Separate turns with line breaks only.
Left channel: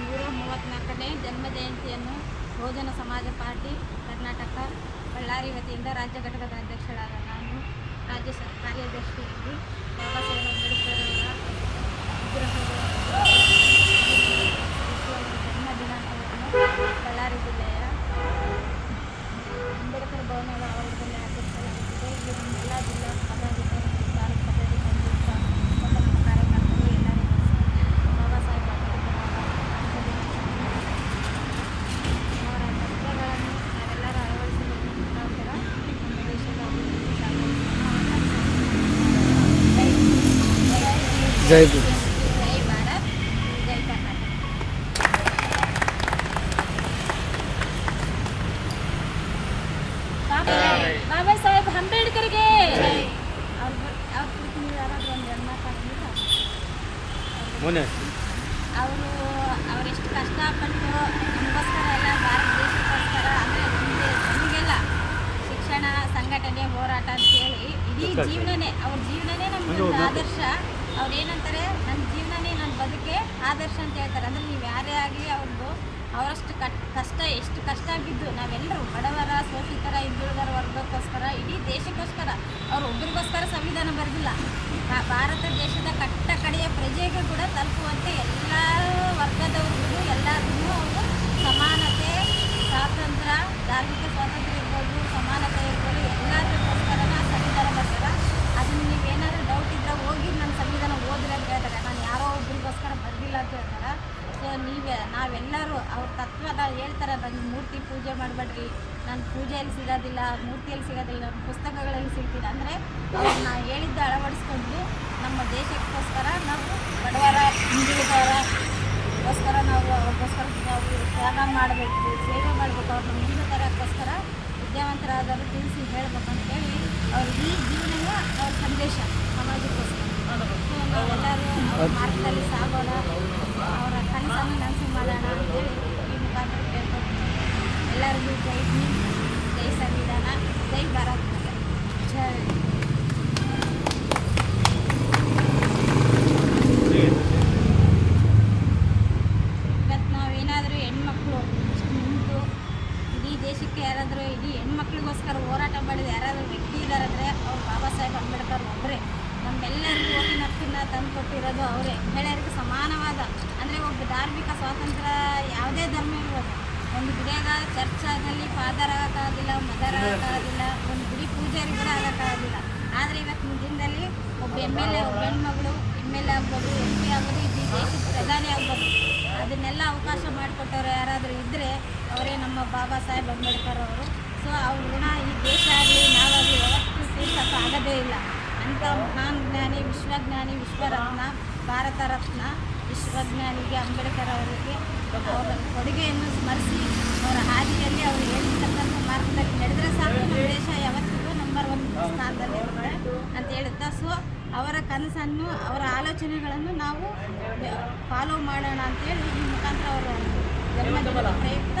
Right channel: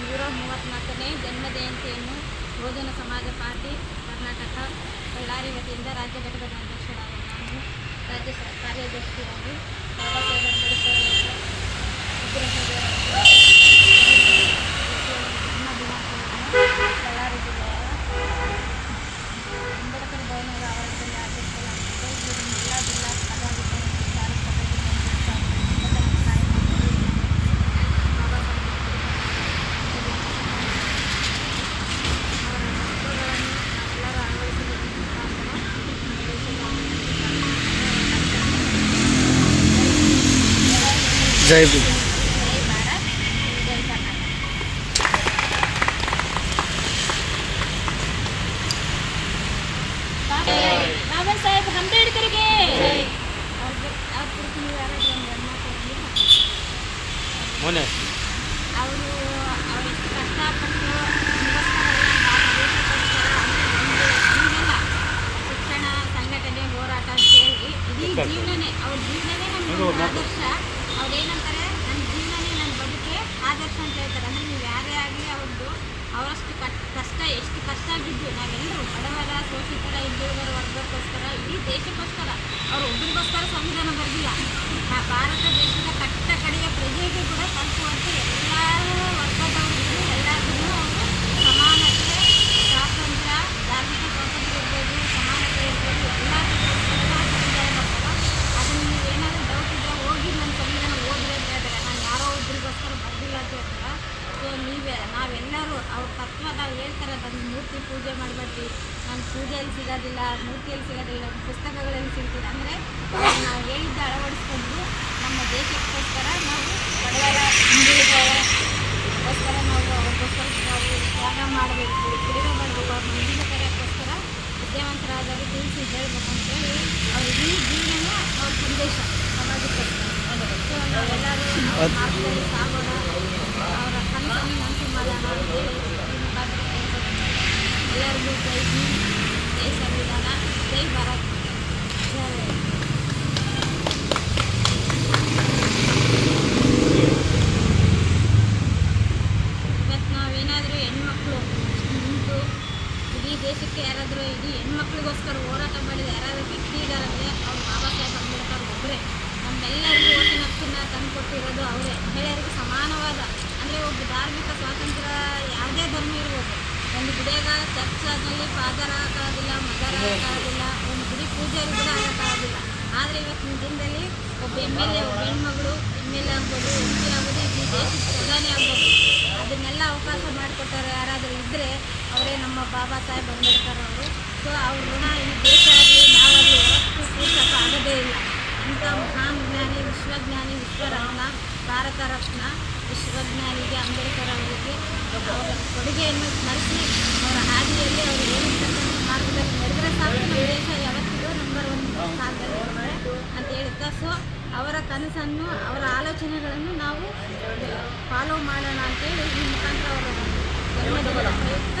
ನೂರ ಮೂವತ್ತ್ನಾಲ್ಕನೇ ಜನ್ಮ ಜಯಂತಿಯನ್ನು ಬಹುಜನ ಸಮಾಜ ಪಾರ್ಟಿ ಕರ್ನಾಟಕ ಬಳ್ಳಾರಿ ವತಿಯಿಂದ ರಾಜ್ಯ ಘಟಕದ ಅಧ್ಯಕ್ಷರಾದ ನಾನು, ರಾಜ್ಯ ಕಾರ್ಯದರ್ಶಿಯಾಗಿ ಬಾಬಾ ಸಾಹೇಬ್ ಅಂಬೇಡ್ಕರ್ ಅವರ ವಿಗ್ರಹದ ಜನ್ಮ ದಿನಾಂಕವನ್ನು ಬಳ್ಳಾರಿ ಜಿಲ್ಲೆಯ ಅಂಬೇಡ್ಕರ್ ಭವನದ ಆವರಣದಲ್ಲಿ ಆಚರಿಸಲಾಗುತ್ತದೆ ಇಲ್ಲಿ ನಮ್ಮ ಎಲ್ಲ ಜಿಲ್ಲಾ ಪದಾಧಿಕಾರಿ ಭಾರತ ಸಭೆಗೆ ಬಂದಿರುವ ಮತ್ತು ನಮ್ಮ ಕಾರ್ಯಕರ್ತರು ಎಲ್ಲ ಬಾಬಾ ಸಾಹೇಬ್ ಅಂಬೇಡ್ಕರ್ ಅವರ ತತ್ವಗಳನ್ನು ನಾವೆಲ್ಲರೂ ಅಳವಡಿಸುವುದರ ಮುಖಾಂತರ ನಮ್ಮ ದೇಶದ ಅಭಿವೃದ್ಧಿ
ಜೈ
ಭೀಮ್. ಬಾಬಾ ಸಾಹೇಬ್ ಅಂಬೇಡ್ಕರ್ಗೆ. ಅವ್ರ ಅವರೆಷ್ಟು ಕಷ್ಟಪಟ್ಟು ಎಲ್ಲ ಭಾರತ ದೇಶಕ್ಕೋಸ್ಕರ ನಮಗೆಲ್ಲ ಶಿಕ್ಷಣ ಸಂಘಟನೆ ಹೋರಾಟ ಅಂತೇಳಿ ಇಡೀ ಜೀವನನೇ ಅವ್ರ ಜೀವನನೇ ನಮ್ಗೆ ಆದರ್ಶ. ಅವ್ರು ನನ್ನ ಜೀವನನೇ ನನ್ನ ಬದುಕೆ ಆದರ್ಶ ಅಂತ ಹೇಳ್ತಾರೆ. ಅಂದರೆ ನೀವು ಯಾರೇ ಆಗಲಿ ಅವ್ರದ್ದು ಅವರಷ್ಟು ಕಷ್ಟ, ಎಷ್ಟು ಕಷ್ಟ ಆಗಿದ್ದು ನಾವೆಲ್ಲರೂ ಬಡವರ, ಶೋಷಿತರ ಹಿಂದುಳಿದರ ವರ್ಗಕ್ಕೋಸ್ಕರ, ಇಡೀ ದೇಶಕ್ಕೋಸ್ಕರ ಅವ್ರು ಒಬ್ರಿಗೋಸ್ಕರ ಸಂವಿಧಾನ ಬರೆದಿಲ್ಲ. ಭಾರತ ದೇಶದ ಕಟ್ಟ ಕಡೆಯ ಪ್ರಜೆಗೂ ಕೂಡ ತಲುಪುವಂತೆ ಎಲ್ಲ ವರ್ಗದವರಿಗೂ ಎಲ್ಲರಿಗೂ ಅವರು ಸಮಾನತೆ ಸ್ವಾತಂತ್ರ್ಯ ಧಾರ್ಮಿಕ ಸ್ವಾತಂತ್ರ್ಯ ಇರ್ಬೋದು ಸಮಾನತೆ ಇರ್ಬೋದು ಎಲ್ಲದಕ್ಕೋಸ್ಕರ ಸಂವಿಧಾನ ಬರ್ತಾರೆ ಅದು ನೀವು ಏನಾದರೂ ಡೌಟ್ ಇದ್ದರೆ ಹೋಗಿ ನನ್ನ ಸಂವಿಧಾನ ಓದಿಲ್ಲ ಅಂತ ಹೇಳ್ತಾರೆ ನಾನು ಯಾರೋ ಒಬ್ರಿಗೋಸ್ಕರ ಬರೆದಿಲ್ಲ ಅಂತ ಹೇಳ್ತಾರೆ ಸೊ ನೀವೇ ನಾವೆಲ್ಲರೂ ಅವ್ರ ತತ್ವ ನಾವು ಹೇಳ್ತಾರೆ ನನ್ನ ಮೂರ್ತಿ ಪೂಜೆ ಮಾಡಬೇಡ್ರಿ ನನ್ನ ಪೂಜೆಯಲ್ಲಿ ಸಿಗೋದಿಲ್ಲ ಮೂರ್ತಿಯಲ್ಲಿ ಸಿಗೋದಿಲ್ಲ ಪುಸ್ತಕಗಳಲ್ಲಿ ಸಿಗ್ತಿಲ್ಲ. ಅಂದರೆ ಅವ್ರು ನಾವು ಹೇಳಿದ್ದು ಅಳವಡಿಸ್ಕೊಂಡು ನಮ್ಮ ದೇಶಕ್ಕೋಸ್ಕರ ನಾವು ಬಡವರ ಹಿಂದುಳಿದವರಗೋಸ್ಕರ ನಾವು ಅವ್ರಿಗೋಸ್ಕರ ನಾವು ತ್ಯಾಗ ಮಾಡಬೇಕು ಸೇವೆ ಮಾಡಬೇಕು ಅವ್ರ ಮುಂದಿನ ತರಕ್ಕೋಸ್ಕರ ವಿದ್ಯಾವಂತರಾದರು ತಿಳಿಸಿ ಹೇಳಬೇಕು ಅಂತೇಳಿ ಅವ್ರ ಇಡೀ ಜೀವನ ಅವ್ರ ಸಂದೇಶ ಸಮಾಜಕ್ಕೋಸ್ಕರ. ಸೊ ನಾವೆಲ್ಲರೂ ಅವ್ರ ಮಾರ್ಗದಲ್ಲಿ ಸಾಗೋಣ. ಈ ಮುಖಾಂತರ ಎಲ್ಲರಿಗೂ ಜೈ ಹಿಂದ್ ಜೈ ಸಂವಿಧಾನ ಜೈ ಭಾರತ್ ಜೈ ಇವತ್ತು ನಾವೇನಾದರೂ ಹೆಣ್ಮಕ್ಳು ನಿಂತು ಇಡೀ ದೇಶಕ್ಕೆ ಯಾರಾದರೂ ಇಡೀ ಹೆಣ್ಮಕ್ಳಿಗೋಸ್ಕರ ಹೋರಾಟ ಮಾಡಿದ ಯಾರಾದರೂ ವ್ಯಕ್ತಿ ಇದ್ದಾರಂದರೆ ಅವ್ರು ಬಾಬಾ ಸಾಹೇಬ್ ಅಂಬೇಡ್ಕರ್ ಒಬ್ಬರೇ ನಮ್ಮೆಲ್ಲರಿಗೂ ಓಟಿನ ಹಕ್ಕನ್ನ ತಂದುಕೊಟ್ಟಿರೋದು ಅವರೇ. ಮಹಿಳೆಯರಿಗೆ ಒಬ್ಬ ಧಾರ್ಮಿಕ ಸ್ವಾತಂತ್ರ್ಯ ಯಾವುದೇ ಧರ್ಮ ಇರ್ಬೋದು. ಒಂದು ಗುಡಿಯಾಗ ಚರ್ಚಾದಲ್ಲಿ ಫಾದರ್ ಆಗೋಕ್ಕಾಗೋದಿಲ್ಲ ಮದರ್ ಒಂದು ಗುಡಿ ಪೂಜಾರಿ ಕೂಡ ಆಗೋಕ್ಕಾಗೋದಿಲ್ಲ ಆದರೆ ಇವತ್ತಿನ ದಿನದಲ್ಲಿ ಒಬ್ಬ ಎಂ ಎಲ್ ಎ ಒಬ್ಬ ಹೆಣ್ಮಗಳು ಎಂ ಎಲ್ ಎ ಆಗ್ಬೋದು ಎಂ ಪಿ ಆಗ್ಬೋದು ಈ ದೇಶದ ಪ್ರಧಾನಿ ಆಗ್ಬೋದು. ಅದನ್ನೆಲ್ಲ ಅವಕಾಶ ಮಾಡಿಕೊಟ್ಟವ್ರು ಯಾರಾದರೂ ಇದ್ದರೆ ಅವರೇ ನಮ್ಮ ಬಾಬಾ ಸಾಹೇಬ್ ಅಂಬೇಡ್ಕರ್ ಅವರು. ಸೊ ಅವ್ರ ಋಣ ಈ ದೇಶ ಆಗಲಿ ನಾವಾಗಲಿ ಯಾವತ್ತೂ ಆಗೋದೇ ಇಲ್ಲ. ಅಂಥ ಮಹಾನ್ ಜ್ಞಾನಿ, ವಿಶ್ವಜ್ಞಾನಿ ವಿಶ್ವರತ್ನ ಭಾರತ ರತ್ನ, ವಿಶ್ವಜ್ಞಾನಿಗೆ ಅಂಬೇಡ್ಕರ್ ಅವರಿಗೆ ಅವರ ಕೊಡುಗೆಯನ್ನು ಸ್ಮರಿಸಿ ಅವರ ಹಾದಿಯಲ್ಲಿ ಅವರು ಹೇಳಿರ್ತಕ್ಕಂಥ ಮಾರ್ಗದಲ್ಲಿ ನಡೆದರೆ ಸಾಕು. ನಮ್ಮ ದೇಶ ಯಾವತ್ತಿಗೂ ನಂಬರ್ ಒನ್ ಸ್ಥಾನದಲ್ಲಿ ಅಂತ ಹೇಳುತ್ತಾ ಸೊ ಅವರ ಕನಸನ್ನು, ಅವರ ಆಲೋಚನೆಗಳನ್ನು ನಾವು ಫಾಲೋ ಮಾಡೋಣ ಅಂತೇಳಿ ಈ ಮುಖಾಂತರ ಅವರ ಜನ್ಮದಿನದ ಪ್ರಯುಕ್ತ